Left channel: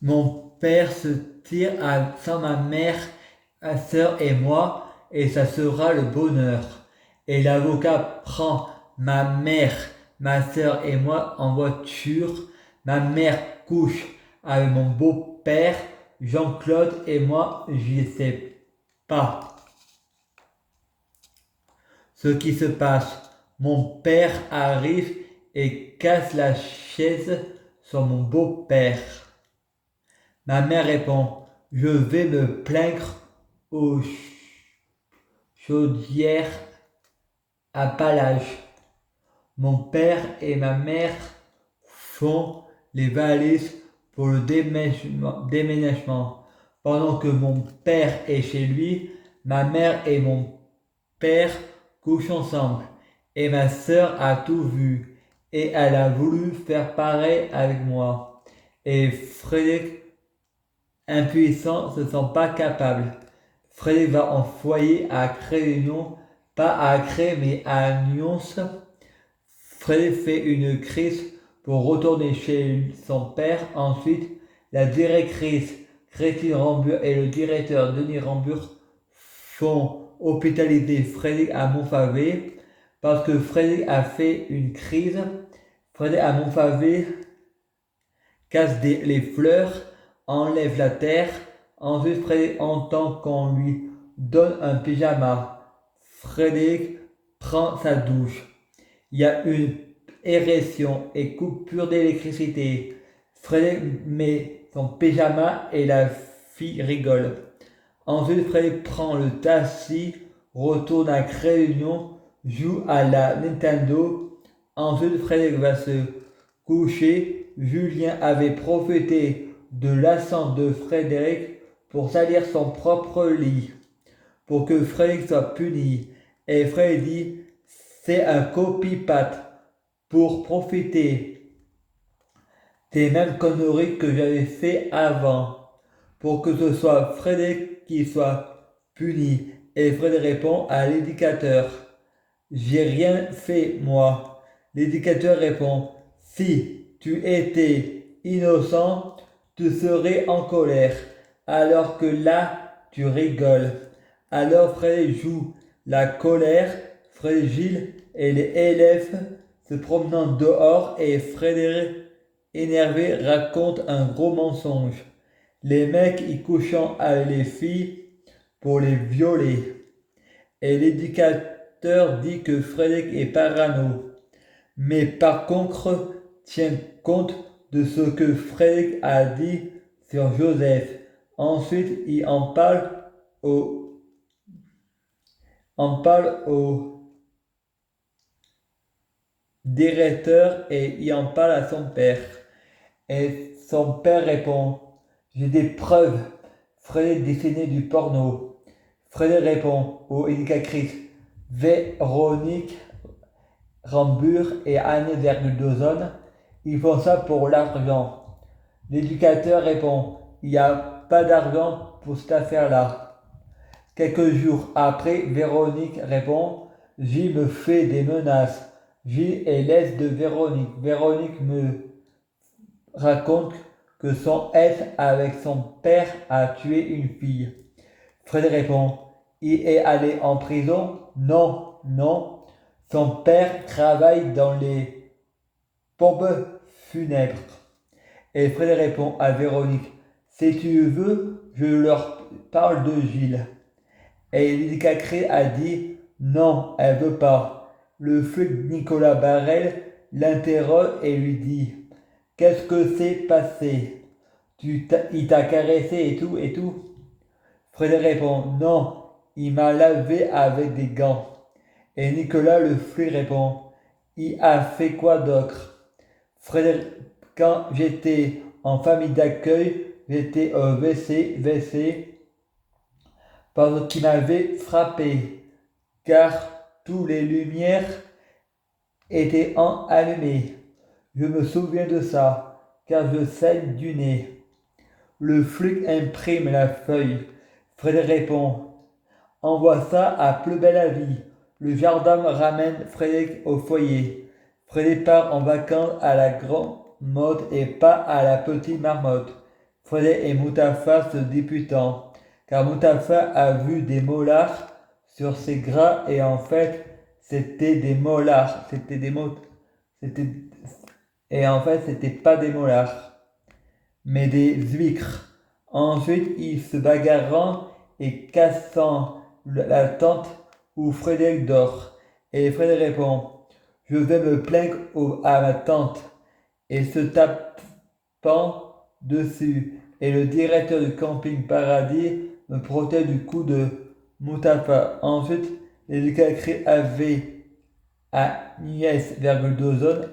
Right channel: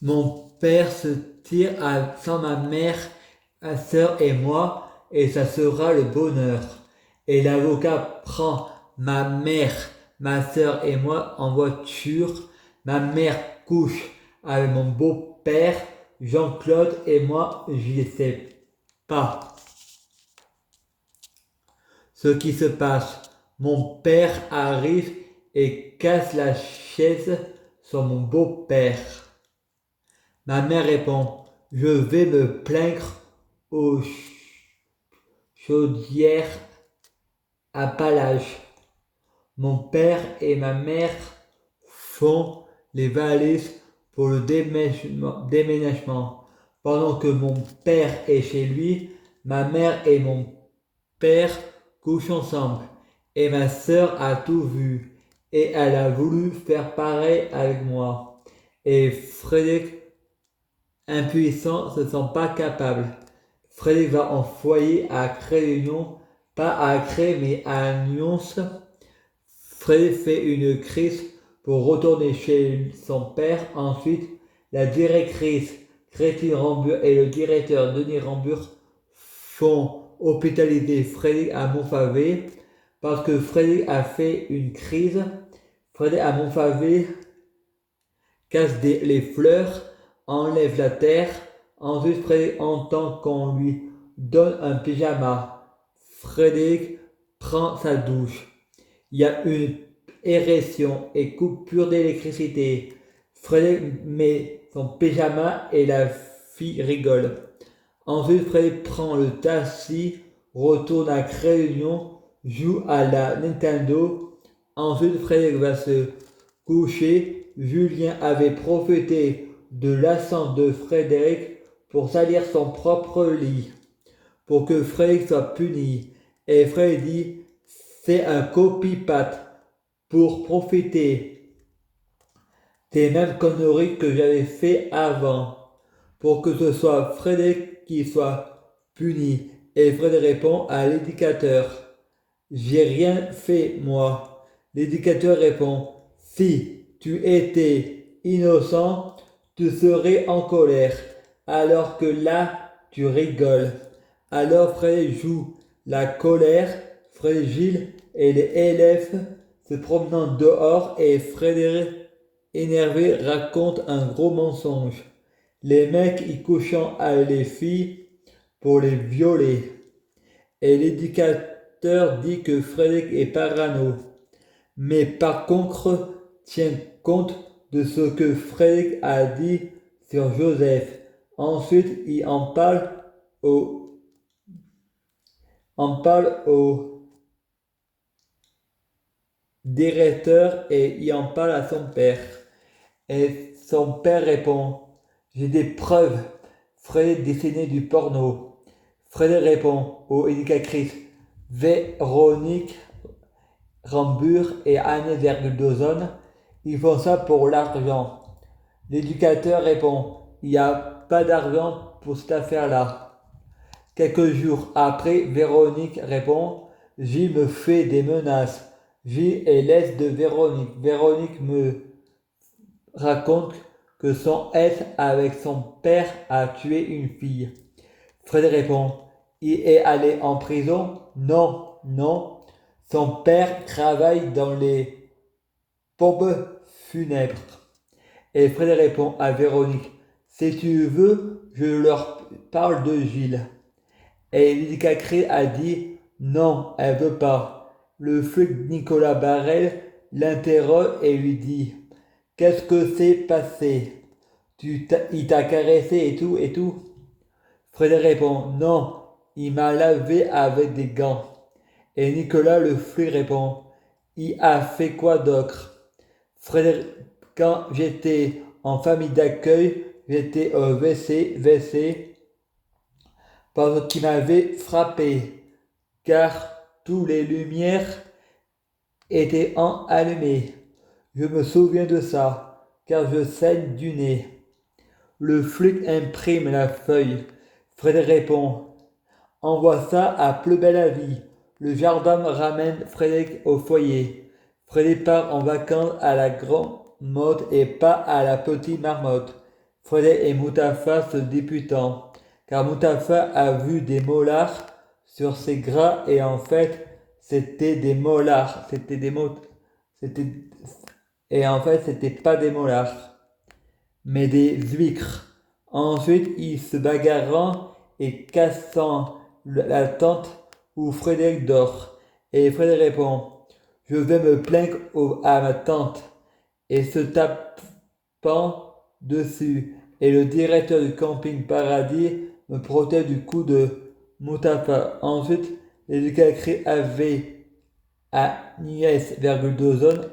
Mon père se tire sans ma mère, ma sœur et moi, et ça sera le bonheur. Et l'avocat prend ma mère, ma sœur et moi en voiture. Ma mère couche avec mon beau-père, Jean-Claude et moi, je ne sais pas ce qui se passe. Mon père arrive et casse la chaise sur mon beau-père. Ma mère répond: Je vais me plaindre aux chaudières à Palage. Mon père et ma mère font les valises pour le déménagement. Pendant que mon père est chez lui, ma mère et mon père couchent ensemble. Et ma sœur a tout vu. Et elle a voulu faire pareil avec moi. Et Frédéric, impuissant, se sent pas capable. Frédéric va en foyer à Créunion, pas à Cré, mais à Nyons. Frédéric fait une crise pour retourner chez son père. Ensuite, la directrice Christine Rambure et le directeur Denis Rambure font hospitaliser Frédéric à Montfavet parce que Frédéric a fait une crise. Frédéric à Montfavet casse les fleurs, enlève la terre. Ensuite, Frédéric entend qu'on lui donne un pyjama. Frédéric prend sa douche. Il y a une érection et coupure d'électricité. Frédéric met son pyjama et la fille rigole. Ensuite, Frédéric prend le taxi, retourne à Réunion, joue à la Nintendo. Ensuite, Frédéric va se coucher. Julien avait profité de l'absence de Frédéric pour salir son propre lit, pour que Frédéric soit puni. Et Frédéric dit: C'est un copie-patte pour profiter des mêmes conneries que j'avais fait avant, pour que ce soit Frédéric qui soit puni. Et Frédéric répond à l'éducateur: J'ai rien fait, moi. L'éducateur répond: Si tu étais innocent, tu serais en colère, alors que là, tu rigoles. Alors Frédéric joue la colère, Fragile et les élèves se promenant dehors et Frédéric, énervé, raconte un gros mensonge. Les mecs y couchant avec les filles pour les violer. Et l'éducateur dit que Frédéric est parano. Mais par contre, tient compte de ce que Frédéric a dit sur Joseph. Ensuite, il au, en parle au directeur et il en parle à son père. Et son père répond: J'ai des preuves. Frédéric dessinait du porno. Frédéric répond aux éducatrices Véronique Rambure et Anne Vergudozone: Ils font ça pour l'argent. L'éducateur répond: Il n'y a pas d'argent pour cette affaire-là. Quelques jours après, Véronique répond: Gilles me fait des menaces. Gilles est l'aise de Véronique. Véronique me raconte que son ex avec son père a tué une fille. Fred répond: Il est allé en prison? Non, non. Son père travaille dans les pompes funèbres. Et Fred répond à Véronique: Si tu veux, je leur parle de Gilles. Et l'éducatrice a dit: Non, elle veut pas. Le flic Nicolas Barrel l'interroge et lui dit: Qu'est-ce que s'est passé? Il t'a caressé et tout et tout? Frédéric répond: Non, il m'a lavé avec des gants. Et Nicolas le flic répond: Il a fait quoi d'autre? Frédéric, quand j'étais en famille d'accueil, j'étais au WC parce qu'il m'avait frappé, car toutes les lumières étaient allumées. Je me souviens de ça, car je saigne du nez. Le flic imprime la feuille. Fred répond: Envoie ça à Plus belle la vie. Le gendarme ramène Frédéric au foyer. Frédéric part en vacances à la grande mode et pas à la petite marmotte. Fred et Mustapha se disputant, car Mustapha a vu des molars sur ses gras et en fait c'était des molars, c'était et en fait c'était pas des molars, mais des huîtres. Ensuite ils se bagarrant et cassant la tente où Frédéric dort. Et Frédéric répond, je vais me plaindre à ma tante et se tapant dessus. Et le directeur du camping Paradis me protège du coup de Mustapha. Ensuite, les éclats avaient Agnès, d'Ozone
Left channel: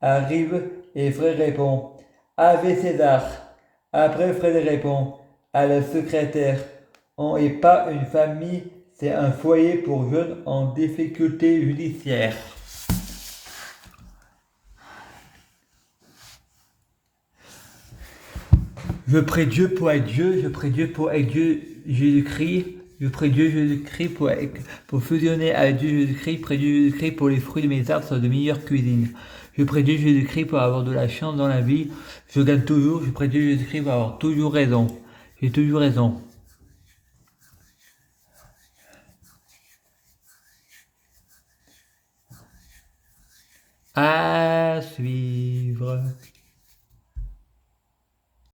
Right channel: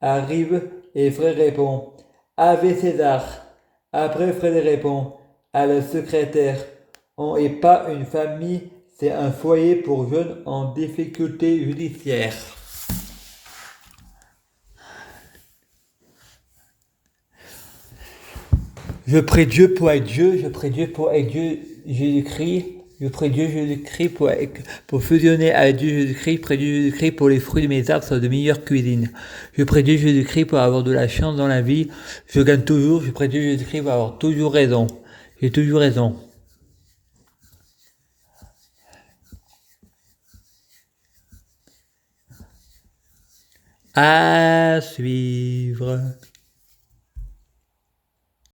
arrive et Fred répond Ave César. Après, Fred répond à la secrétaire on n'est pas une famille, c'est un foyer pour jeunes en difficulté judiciaire. Je prie Dieu pour être Dieu, je prie Dieu pour être Dieu Jésus-Christ, je prie Dieu Jésus-Christ pour fusionner avec Dieu Jésus-Christ, je prie Dieu Jésus-Christ pour les fruits de mes arbres soient de meilleure cuisine. Je prie Dieu Jésus-Christ pour avoir de la chance dans la vie, je gagne toujours, je prie Dieu Jésus-Christ pour avoir toujours raison. J'ai toujours raison. À suivre.